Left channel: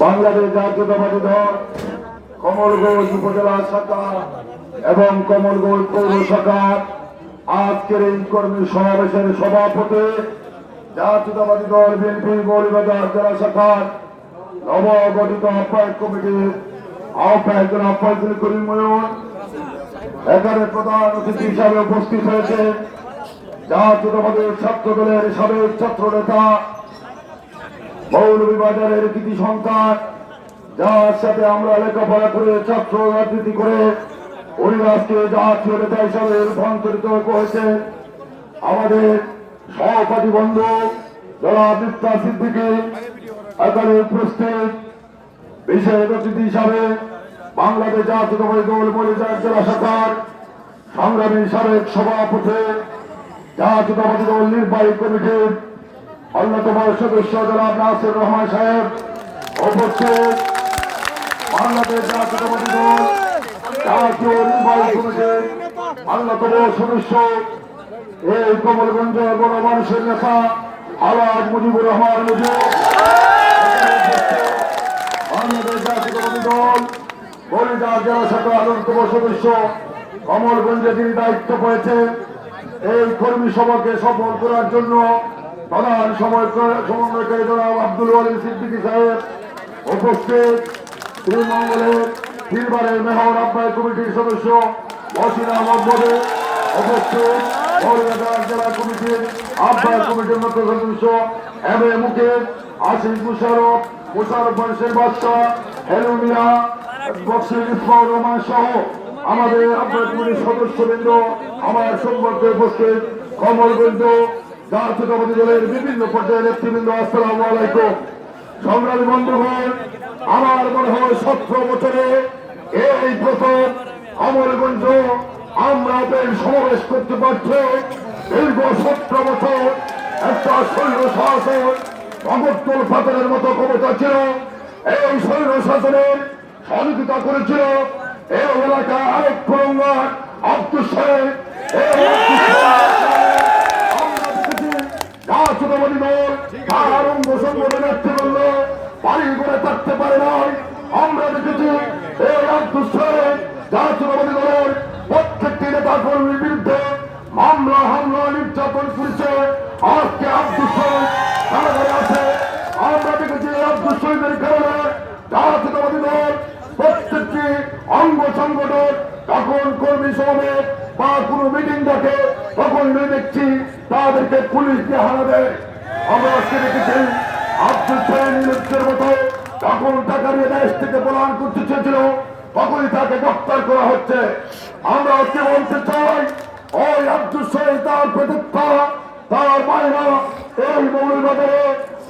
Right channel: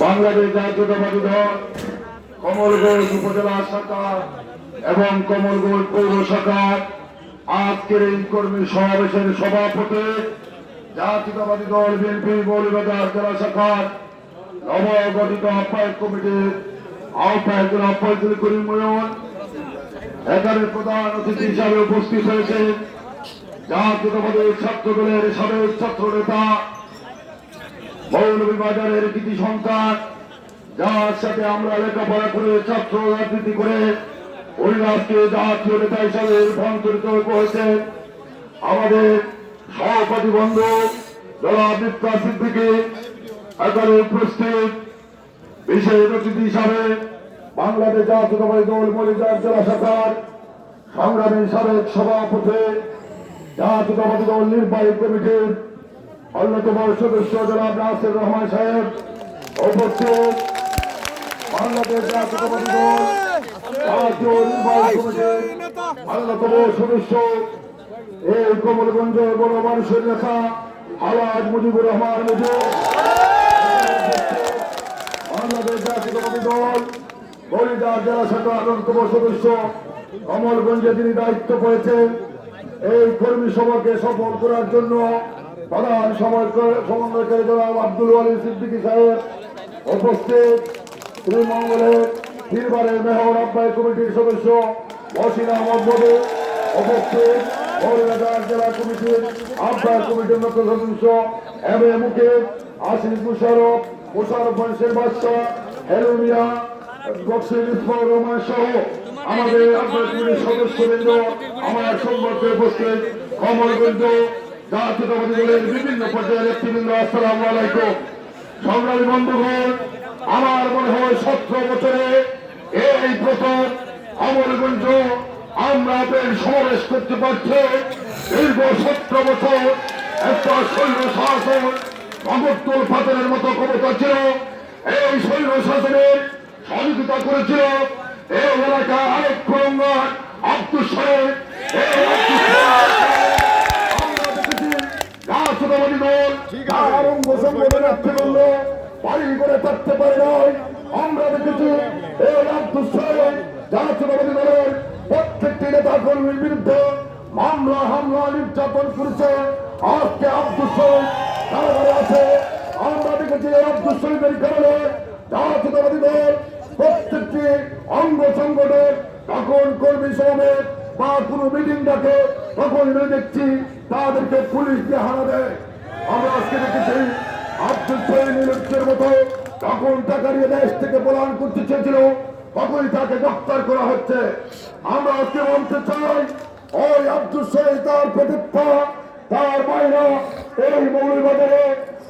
বাংলাদেশ জাতীয়তাবাদী দল কমলগঞ্জ উপজেলা শাখা এবং কমলগঞ্জ পৌর শাখা আজকের এই কর্মী সমাবেশের সভাপতি জাতীয়তাবাদী দল বিএনপি মৌলিবাজার জেলা শাখার নবগঠিত আহ্বায়ক কমিটির আহ্বায়ক ফয়জুল করিম ময়ন এখানে প্রধান অতিথি হিসাবে উপস্থিত হয়েছে জাতীয়তাবাদী ছাত্র দলের সাবেক ছাত্র নেতা মৌলভীবাজারের কৃতি সন্তান, যার সাথে আমরা লেখাপড়া করে ছাত্র রাজনীতি করে ওই পরিবারকে জাতীয় নেতা হিসাবে রূপান্তরিত হয়েছে আমাদের সহপাঠী বন্ধু যারা বিপ্লব সিদ্দিকি এখানে উপস্থিত বিশেষ অতিথি হিসাবে বাংলাদেশ জাতীয়তাবাদী দল মরিজার জেলা শাখার সংগ্রামী সাবেক সভাপতি, জাতীয়তাবাদী দল নির্বাহী কমিটির অন্যতম সদস্য জনাব নাসির রহমান সাহেব উপস্থিত। বাংলাদেশ জাতীয়তাবাদী দল জাতীয় নির্বাহী কমিটির অন্যতম সদস্য এই কমলগঞ্জ বড় মানুষের নেতা আলাদ মুজিবুর রহমান মুজিব বাংলাদেশ জাতীয়তাবাদী দল বলিদার জেলা যিনি দায়িত্ব পেয়েছেন এই কর্মী সভাকে সফল করার জন্য প্রধান সমন্বয়কারী জনাব আব্দুল আলী সিদ্দিকী সাহেব উপস্থিত শ্রীমঙ্গলের তিনবারের মেহর আব্বাই কমিটির সদস্য মহসিন আহমদ মদে উপস্থিত মৌলবাজার জেলা কমিটির আহ্বায়ক কমিটির মতো সদস্য এম এ মুকেশ আসিফ মুশারফ মুশারফ বংশের বাদশাহ হেলু মিয়া বক্সির ইসমাউর রহমান সহ আমাদের কমিটির সদস্যবৃন্দ, আমার সম্পর্কে উপস্থিত কমলগঞ্জ জাতীয়তাবাদী দলের বিভিন্ন পর্যায়ের নেতৃবৃন্দ, আসসালামু আলাইকুম। সংগ্রামী বন্ধুগণ, আমার মনে হয় সতেরো বছরে এই প্রথম অমরগঞ্জ আমরা বেশ সমাবেশ করতে পারছি। দীর্ঘ সতেরো বছর একটা সৈন্য শাসন ভগতুল পাথরের মতো ক্ষমতা ছিল। এই সৈন্য শাসনের সহযোগিতা করেছিল। এই এলাকায় আরেক আব্দুল সাহেব করে থাকতে আমরা দেখেছি নেতা মামলা হামলা নির্যাতন করেছে আজকে আব্দুল সাহেব আছে। আমরা দেখেছি আব্দুল শহীদের কারণে জাতীয়তাবাদী দল, প্রত্যেকটি অঙ্গ সংগঠন তখন কর্মী সমাবেশ বা কোনো মিটিং ডাকে, তখন আমি দেখছি তাদেরকে পুলিশ দিয়ে হারা দেয়। আমরা আজকে দেখেছি আব্দুল নিলুপ্তের মতো তখন টাকা নিয়ে দেশ থেকে পলায়ন করতে চেয়েছিল, তখনই তাকে গ্রেফতার করা হচ্ছে। আমরা আজকে বলতে চাই, ওই আব্দুল সাহেব তার প্রতিষ্ঠা, তার মায়েরা এই মৌলবাজারে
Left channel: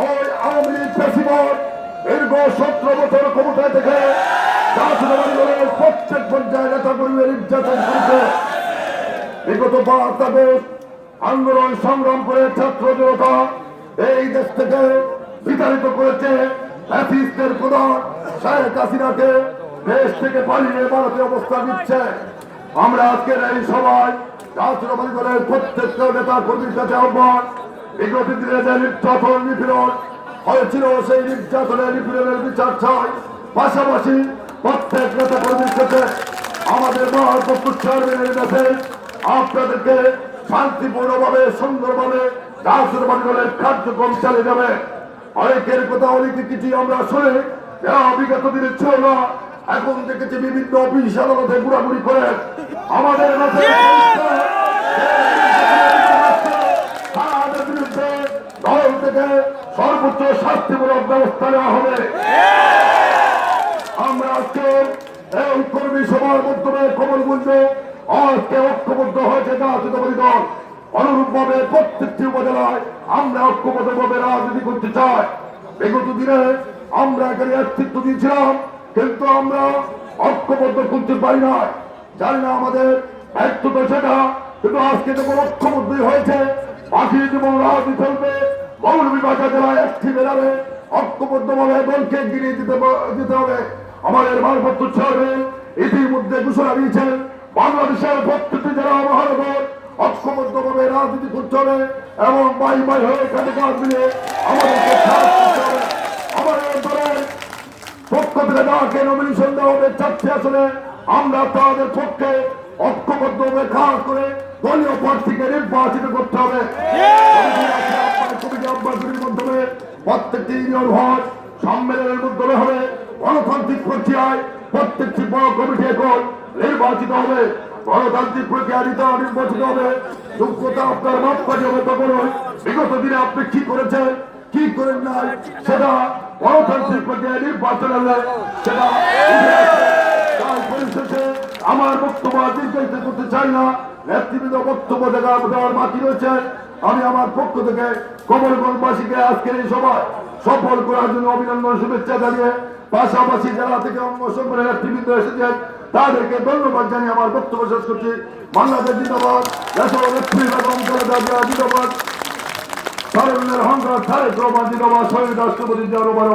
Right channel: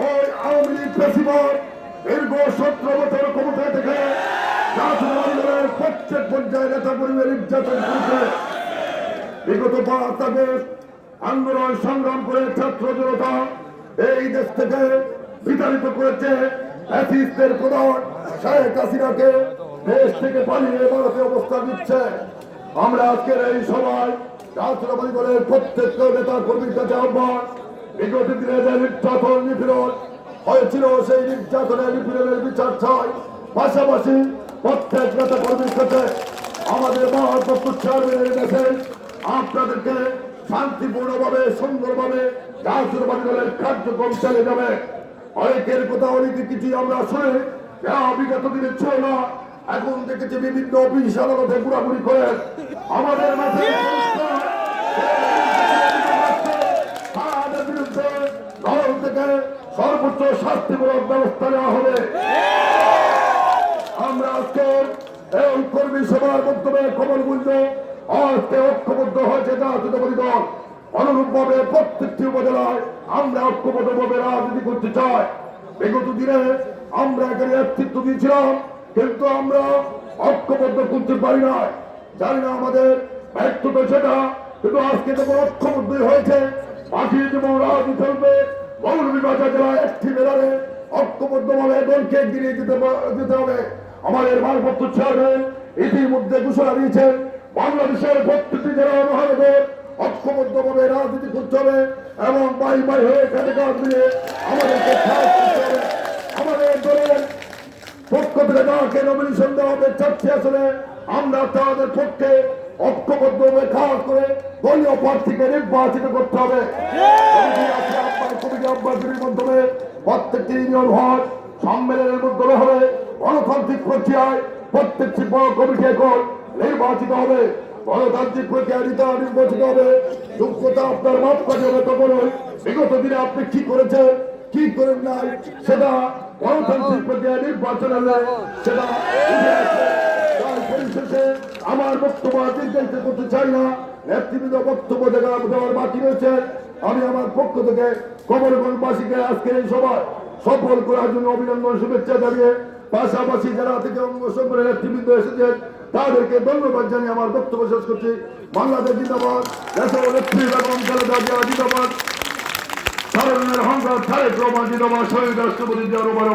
ওই আওয়ামী সতেরো থেকে জাতীয়তাবাদী দলের প্রত্যেক পর্যায়ে নেতা কর্মীর নির্যাতন করেছে। বিগত সংগ্রাম করে ছাত্র এই দেশ থেকে বিতাড়িত করেছে। হাসিনাকে দেশ থেকে পালিয়ে ভারতে অবস্থা দিচ্ছে আমরা আজকের এই সভায় জাতীয়তাবাদী দলের প্রত্যেকটা নেতা কর্মীর কাছে আহ্বান বিগত দিনে যে নির্যাতন নিপীড়ন হয়েছিল সেই নির্যাতনের নিপীড়নের বিচার চাই পাশাপাশি প্রত্যেক নেতা কর্মীর কাছে আমাদের মহাপত্র চেয়ারম্যানের কাছে আপনাদেরকে শান্তিপূর্ণভাবে সুন্দরভাবে জাতীয়তাবাদী দলের কার্যক্রম চালিয়ে যাবে অনেকের কথা অনেকে কিছু আমরা শুনে বিগত দিনে ছিল না এখন দেখেছি বিভিন্ন অফিস আদালতে ঘোরাঘুরি করে আমাদের মাঝে সভার মাধ্যমে খবর গুঞ্জ আজকে ঐক্যবদ্ধ হয়েছে জাতীয়তাবাদী দল। অনুরূপ ভাবে প্রত্যেকটি উপজেলায় আমরা ঐক্যবদ্ধ ভাবে রাজনীতি করতে চাই। বিগত দিনে আমরা এখানে নেতৃত্ব দিয়েছিলাম, কিন্তু আমরা ঐক্যবদ্ধ করতে পারি না জানি না আমাদের ব্যর্থতা সেটা, কিন্তু আজকে যখন ঐক্যবদ্ধই হয়েছে, বাকি যেমন রাজনীতি চলবে মৌলভীবাজার জেলায় একটি বেড়াবে ঐক্যবদ্ধভাবে দলকে গিরিয়ে দিতে দিতে হবে। আমাদের মানপত্র চেয়ারম্যান ইতিমধ্যে ঘোষণা দিয়েছেন বাংলাদেশের প্রত্যেকটি জেলা মহানগর ঐক্যবদ্ধভাবে রাজনীতি করতে হবে এবং বাই বাই হয়ে কাজে কাজ দিয়ে আমাদেরকে আমাদের দলের পক্ষ থেকে যাকে নমিনেশন দেওয়া হবে চাচ্ছে আসলে আমরা তাদের পক্ষে ঐক্যবদ্ধভাবে কাজ করে দলীয় প্রার্থীকে নির্বাচিত করতে হবে। মাধ্যমে প্রত্যেকটি ইউনিয়ন হল সম্মেলনের মাধ্যমে হবে। গণতান্ত্রিক প্রক্রিয়ায় প্রত্যেকটি বড় কমিটি এখন নির্বাচিত হবে। গণতান্ত্রিক প্রক্রিয়া নিতে নির্বাচিত হবে। যোগ্যতা আপনার মাপকাঠি হবে তখন। বিগত দিনে আপনি কি করেছেন? কি করেন নাই? সেটা গণতান্ত্রিক প্রক্রিয়া নির্বাচন হলে সেটা আমার বক্তব্য দীর্ঘায়িত করতে চাই না। নেতৃবৃন্দ বক্তব্য দেওয়া দেওয়ার বাকি রয়েছে। আমি আমার পক্ষ থেকে কমলগঞ্জবাসীকে আজকের এই সভায় সফল করার জন্য অভিনন্দন শুভেচ্ছা জানিয়ে পাশাপাশি যারা থেকে অঙ্গসংগঠনের নেতৃবৃন্দ এসেছেন। তাদেরকে ধন্যবাদ জানিয়ে আমার বক্তব্য শেষ করছি। বাংলাদেশ জিন্দাবাদ। জিন্দাবাদ। সারণ্যের হংকার রহমান জিন্দাবাদ। শহীদ রাষ্ট্রপতি জিয়া রোবার